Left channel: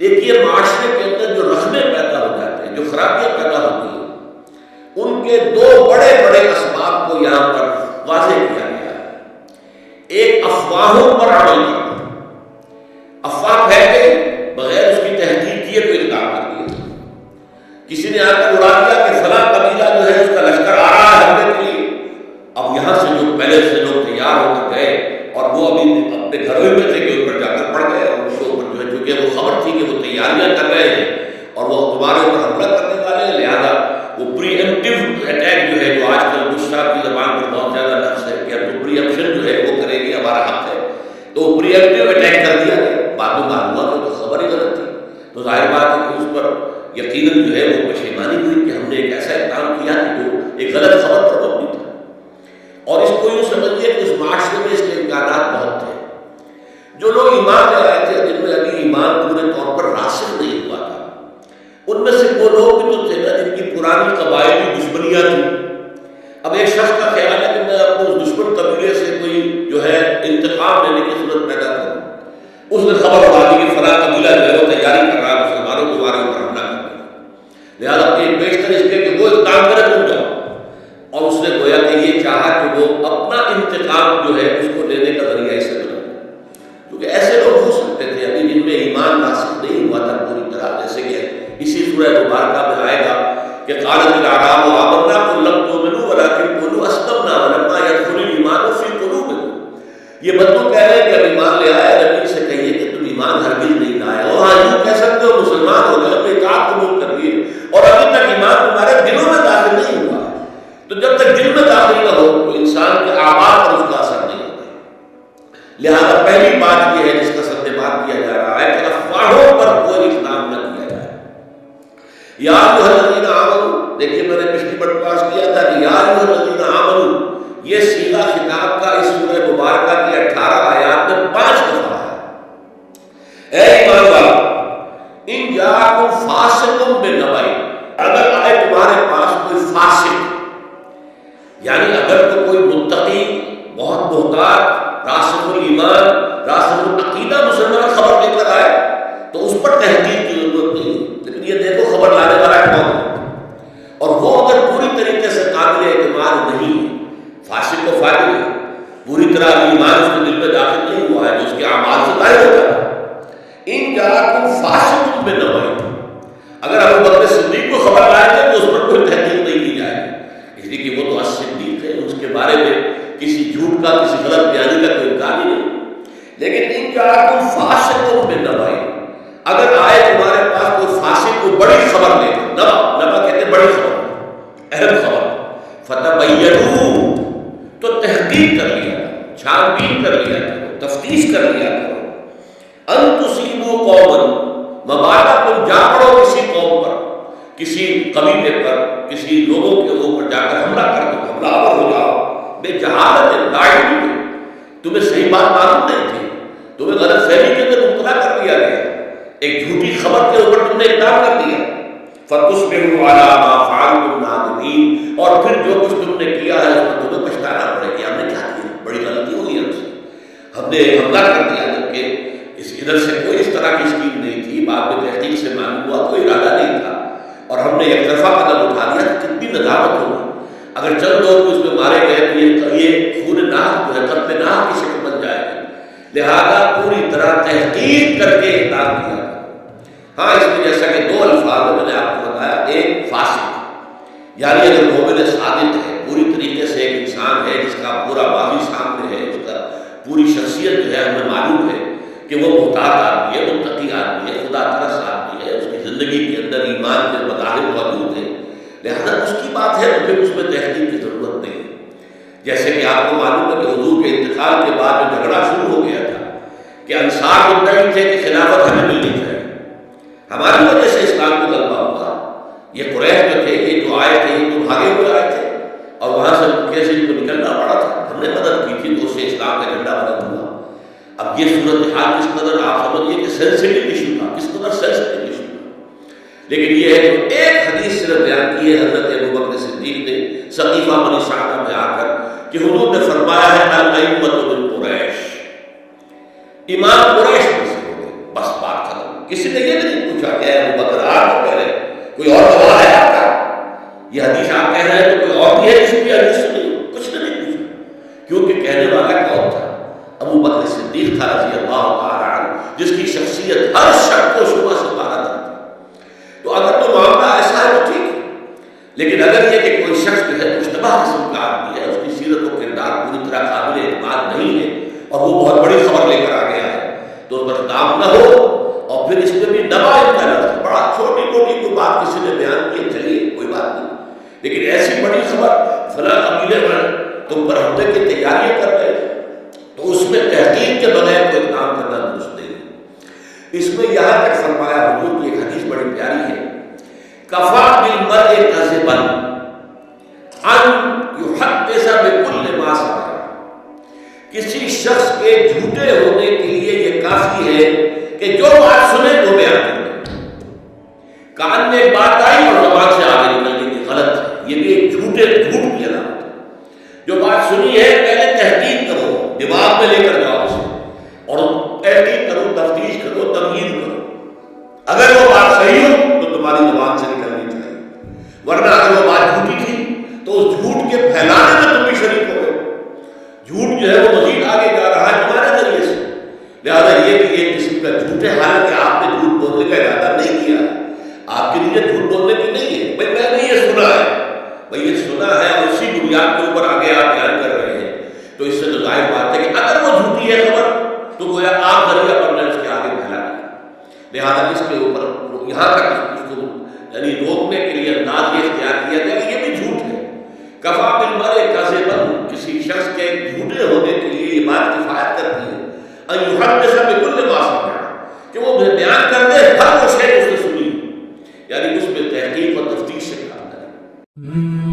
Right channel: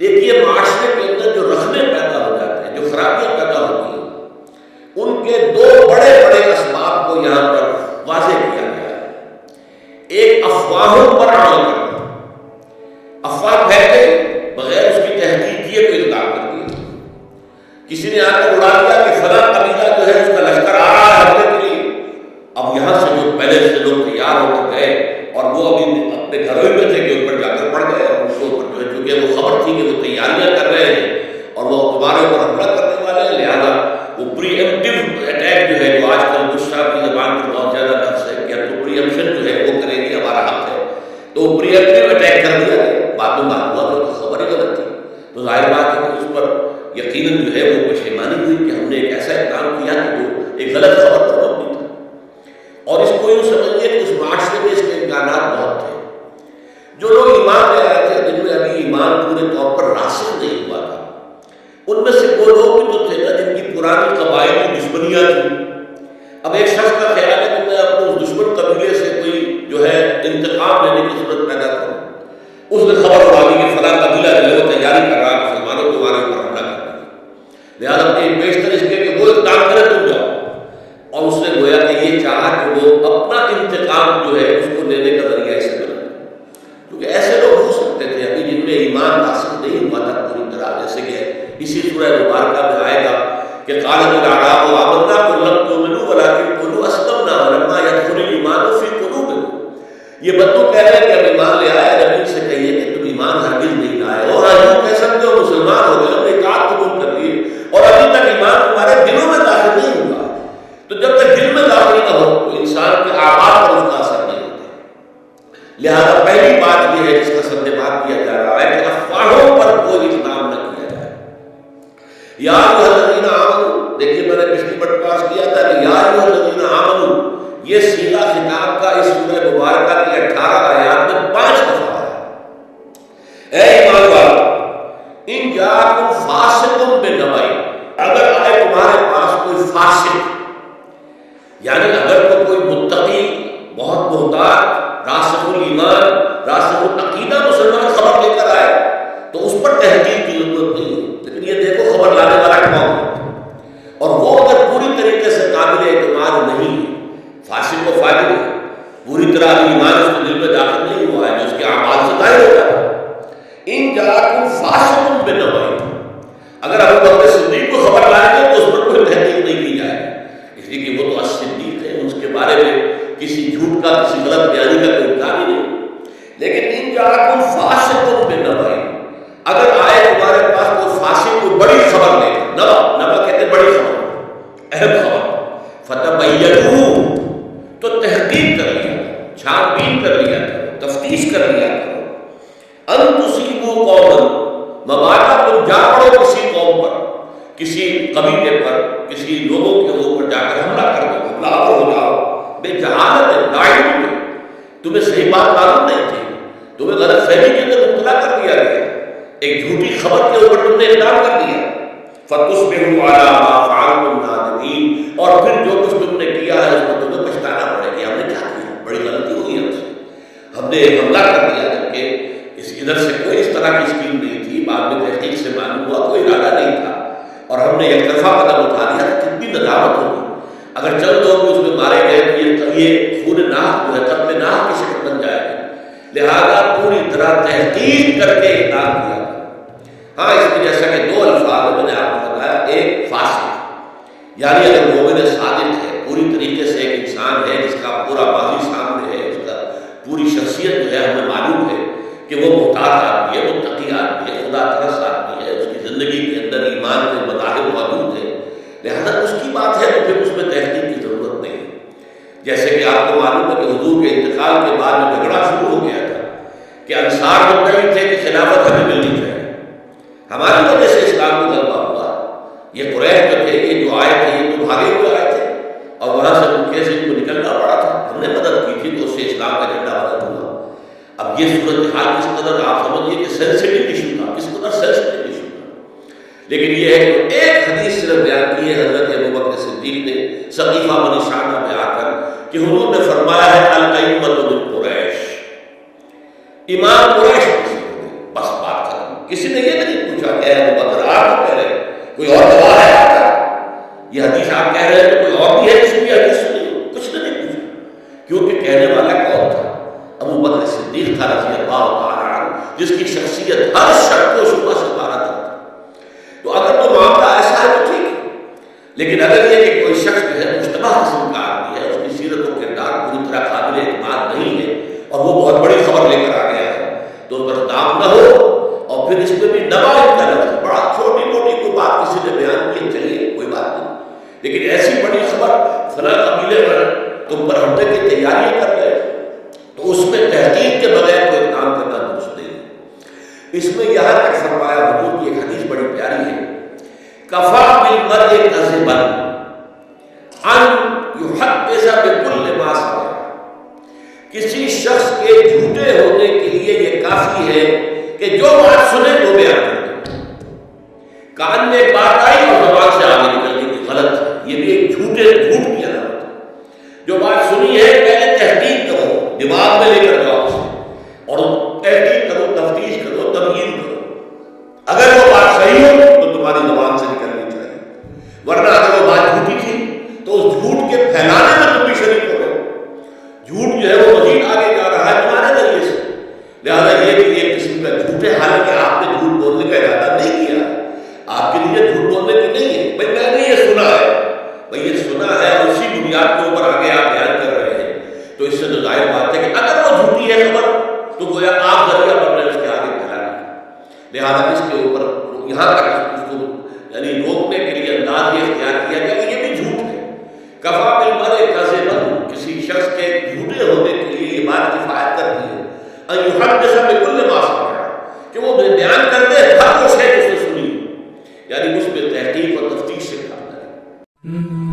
دیکھیے، معاشرے کے اندر جو رخنے پیدا ہو جاتے ہیں، جو خرابیاں پیدا ہوتی ہیں، ان کے دو بڑے بڑے اسباب کو یہاں پر واضح کیا گیا ہے۔ ایک افواہوں پر عمل کرنا، افواہ پھیل گئی، بغیر اس کی تحقیق کیے کوئی اقدام کر دیا، کسی نے آ کر اڑا دیا کہ فلاں قبیلہ جو ہے اس کا لشکر آ رہا ہے حملے کے لیے۔ اب یہاں سے جو پہلے سے لوگ تیار ہو کر گئے اور وہ ابھی اپنے گھروں ہی میں تھے کہ اوپر جا کر پڑ گئے، اور ان کو اوپر جو ہے چونکہ وہ خبر تھی کہ وہ تیاریاں کر رہے ہیں اور وہ تمہارے اوپر حملہ کرنے والے ہیں، لہذا وہ پری ایمپٹیو اٹیک جو ہے، جو آج کل بش صاحب کی زبان پر بہت زیادہ لفظ ہے کہ اب تو پری ایمپشن جو ہے وہ کرے گی، ہمارا حق ہے، تو وہ پری ایمپٹیو اٹیک کر دیا گیا۔ بعد میں معلوم ہوا کہ وہ تو خبر ہی غلط تھی، تو ظاہر بات ہے کہ اس پر یقیناً جو ہے وہ پشیمانی ہوئی کہ ہم نے ایک ایسا اقدام کیا کہ جو ایک غلط خبر پر مبنی تھا۔ اور اس کو یوں سمجھیے کہ اس معاشرے میں اس کے امکانات بہت تھے۔ جو لوگ ایمان لے آئے تھے، جن میں ابھی ایمان پورے طور پر راسخ نہیں ہوا تھا، ان میں سے وہ لوگ بھی تو تھے نا جن کی پرانی قبائلی دشمنیاں تھیں۔ اب ایک شخص کا خیال ہے کہ میں اپنے اس دشمن قبیلے سے کوئی جو ہے انتقام لینے کی صورت پیدا کروں، اس نے خبر اڑا دی کہ فلاں قبیلہ جو ہے وہ تیاری کر رہا ہے مسلمانوں کے ہمارے اوپر حملہ کرنے کی، لہٰذا بیشتر اس کے کہ وہ اقدام کرے تم جاؤ۔ اور اس نے گویا کہ یہ چاہا کہ وہ اپنا انتقام جو ہے اس کو لینے کا ذریعہ اسے بنا، کیونکہ ایسے لوگ ہو سکتے تھے ابھی جن میں ایمان راسخ نہیں ہوا تھا پوری طرح، جیسے کہ اسی سورہ مبارکہ میں آئے گا کہ قالت الاعراب آمنا قل لم تؤمنوا ولکن قولوا اسلمنا ولما يدخل الايمان في قلوبكم۔ یہ بدو کہہ رہے ہیں کہ اب ایمان لے آئے، نبی سے کہیے کہ تم ایمان ہرگز نہیں لائے ہو، ہاں یوں کہہ سکتے ہو مسلمان ہو گئے، ہم نے اطاعت قبول کر لیے، اور ابھی تک ایمان تمہارے دلوں میں داخل نہیں ہوا ہے۔ تو جب تک دل میں داخل نہ ہو تو انسان کے اعمال پر اس کا اثر نہیں ہوتا۔ لہذا پہلی بات یہ ہے جس کا سد بات کیا جا رہا ہے کہ افواہوں پر کوئی اقدام نہ کیا جائے۔ یا ایھا الذین آمنوا، دیکھیے میں نے پچھلی بٹواس کیا تھا کہ یا ایھا الذین آمنوا یہ صیغہ خطاب کا اس سورہ مبارکہ کی 18 آیات میں 5 دفعہ ہے۔ اے ایمان والو، ان جاءکم فاسق بنبأ، اگر آئے تمہارے پاس کوئی فاسق، یعنی اگر تو کوئی متقی، بہت محتاط، راسخ الایمان، راسخ العقیدہ مسلمان خبر لے کر آئے تو اس پر تحقیق کی ضرورت نہیں ہے، لیکن یہ دیکھو خبر لانے والا کون ہے، اور وہ اگر پوری طریقے سے قابل اعتماد نہیں ہے، فاسق کو فاجر ہے، پوری طرح ابھی ایمان اس کے دل میں داخل نہیں ہوا ہے جو اس کے اعمال سے ظاہر ہوتا ہے۔ ان جاءکم فاسق بنبأ، اگر ابو بکر صدیق کو خبر لائیں گے تو اس پر کوئی تحقیق نہیں کی جائے گی، اس لیے کہ وہ تو صدیق ہے، اس کے بارے میں کسی جھوٹ کا، کسی غلط بیانی کا کوئی امکان ہی نہیں۔ لیکن ان جاءکم فاسق بنبأ، اگر آئے تمہارے پاس کوئی فاسق کو بڑی خبر لے کر، نبا کہتے ہیں بڑی خبر، اہم خبر، فتبینوا، تو تحقیق کر لیا کرو، چھان بین کر لیا کرو، تفتیش کر لیا کرو، ان تصیبوا قوما، مبادا تم جا پڑو کسی قوم پر، کسی قبیلے پر، کسی لوگوں کے اوپر جا کر حملہ کر دو، حملہ آور ہو جاؤ، بے جہالت لا علم، تمہیں صحیح بات معلوم نہیں تھی، تمہیں غلط فہمی کے اندر مبتلا کر دیا گیا، ایک جھوٹی خبر کے اوپر تم نے اقدام کر دیا، فتصبحوا علی ما فعلتم نادمین، اور پھر جو کچھ تم نے کیا ہے اس پر تمہیں پچھتانا پڑے کہ ہم نے کیا کیا، بڑی غلطی ہوئی ہم سے، ہم نے حملہ کر دیا جبکہ ادھر سے کوئی اس طرح کی اسکیم نہیں تھی، بعد میں تحقیق سے معلوم ہوا کوئی ارادہ نہیں تھا، اور ہم نے یک طرفہ قدم اٹھا دیا تو کتنی ندامت ہوگی۔ اگر چند لوگ بھی اس میں مارے گئے تو یہ خون ناحق جو ہے قتل ناحق کی شکل بن جائے گا، لہذا پوری طرح تحقیق کر کے اقدام کیا گیا۔ ہاں اس میں جیسا کہ 2 الفاظ میں نے آپ کو بتایا، ایک فاسق، یعنی اگر مومن صادق ہے، پوری طریقے سے ایک انسان ہے جس کا پورا ماضی سامنے ہے، اس کا پوری شخصیت جو ہے ہمیں معلوم ہے کہ وہ محتاط آدمی ہے، متقی آدمی ہے، خدا ترس آدمی ہے، اس کی زندگی کے اندر ایمان کے مظاہر موجود ہیں، لہذا اس کی بات ہے تو پھر اس میں تحقیق کی ضرورت نہیں ہے۔ جیسے کہ آپ کو معلوم ہے کہ حضور کے انتقال کے بعد جو جھگڑا شروع ہو گیا تھا کہ انصار مدعی تھے کہ خلافت ہمیں ملنی چاہیے، ہماری وجہ سے اسلام کو غلبہ ہوا، یہ قریش جو تھے، یہ جو آئے تھے یہ تو بھاگے ہوئے آئے تھے اور وہاں سے کیسے ان کو نکلنا پڑا تھا، ہم نے مدد کی تھی تو اس سے اسلام کا جھنڈا بلند ہوا۔ اب یہ صورتحال کس قدر آپ سمجھیے کہ سینسٹیو ایشو تھا، کس قدر سینسٹیو ایشو تھا، لیکن یہ ہے کہ ایک حدیث صرف بیان کی ہے حضرت ابوبکر صدیق نے ثقیفہ بنی سعدہ میں آ کر کہ حضور نے فرمایا ہے الائمۃ من قریش، امام قریش میں سے ہو گئے، بس بات ختم. کسی نے یہ نہیں پوچھا کہ اے ابو بکر آپ کو کہہ رہے ہیں کوئی اور گواہ ہے آپ کا، یہ حدیث آپ کہہ رہے ہیں تو کوئی اور بھی ہے جس نے یہ حدیث سنی؟ کچھ نے نہیں پوچھا، کیونکہ کہنے والا کون تھا؟ ابو بکر صدیق تھا رضی اللہ تعالی عنہ، جس کی شخصیت ہر شک و شبہ سے بارہ تھی. تو اگر تو معاملہ ایسا ہے تو ٹھیک ہے، لیکن اگر یہ کہ کوئی شخص جو ہے مشتبہ قسم کا آدمی ہے، اس کی سیرت و کردار پوری طرح قابل اعتماد نہیں ہے اور وہ بہت بڑی خبر لے کر آ گیا ہے، تو اس پر دام نہ ہو. اور پھر اس میں بھی نبا ان کا لفظ، بڑا چھوٹی موٹی کوئی بات کسی نے بیان کی چلیے کوئی بات نہیں، لیکن ایسی بڑی خبر فلاں قبیلے پر تم پر حملے کی تیاریاں کر رہے تو اس میں تحقیق کے بغیر کوئی اقدام کرنا درست نہیں ہے. اس میں یہاں تک فرمایا، حضور کی ایک حدیث بڑی پیاری ہے، کفا بالمرء کذبا ان یحدث بکل ما سمع. کسی شخص کے جھوٹے ہونے کے لیے یہ کافی ہے کہ جو بات سنے وہ بیان کر دے. کان میں ایک بات آئی اور زبان سے آگے نکل گئی کہ غلط ہے، یہ بھی ایک جھوٹ کی علامت ہے. جو بات سنی ہے پہلے تحقیق کرو، دماغ میں لے کر جاؤ اسے اور تحقیق کرو، تفتیش کرو، تبیین کرو. اگر وہ بات صحیح ہو تو تمہاری زبان سے نکلنی چاہیے، ورنہ اگر وہ بات جھوٹی تھی تو اس جھوٹ کے پھیلانے میں تم بھی شریک ہو گئے. جھوٹ جو ہے وہ مزید آگے جا رہا ہے تمہارے ذریعے سے، لہذا یہ بھی ایک قسم کا جھوٹ ہے. حالانکہ آپ نے جھوٹ بولنے کا ارادہ نہیں کیا، آپ کے لیے جھوٹ بولنے کی نہیں ہے. بھائی میں نے یہ سنا ہے، بھائی یہ سنا ہے اور اسی بنیاد کے اوپر آگے آپ بیان کر رہے ہیں، تو اس سے تو ظاہر بات ہے کہ اگر وہ جھوٹی ہے خبر تو گویا آپ ذریعہ بن رہے ہیں اس کے آگے پھیلانے کا. لہذا اس کے اوپر یہاں تک اس کو یعنی روکنے کے لیے انداز یہ اختیار کیا گیا کہ یہ بھی جھوٹ ہے. کفا بالمرء کذبا، کسی شخص کے جھوٹے ہونے کے لیے یہ بات کفایت کرتی ہے ان یحدث بکل ما سمع، کہ وہ بیان کر دے ہر وہ شے جو اس نے سنی، یعنی اس میں تحقیق اور تفتیش سے کام کرے.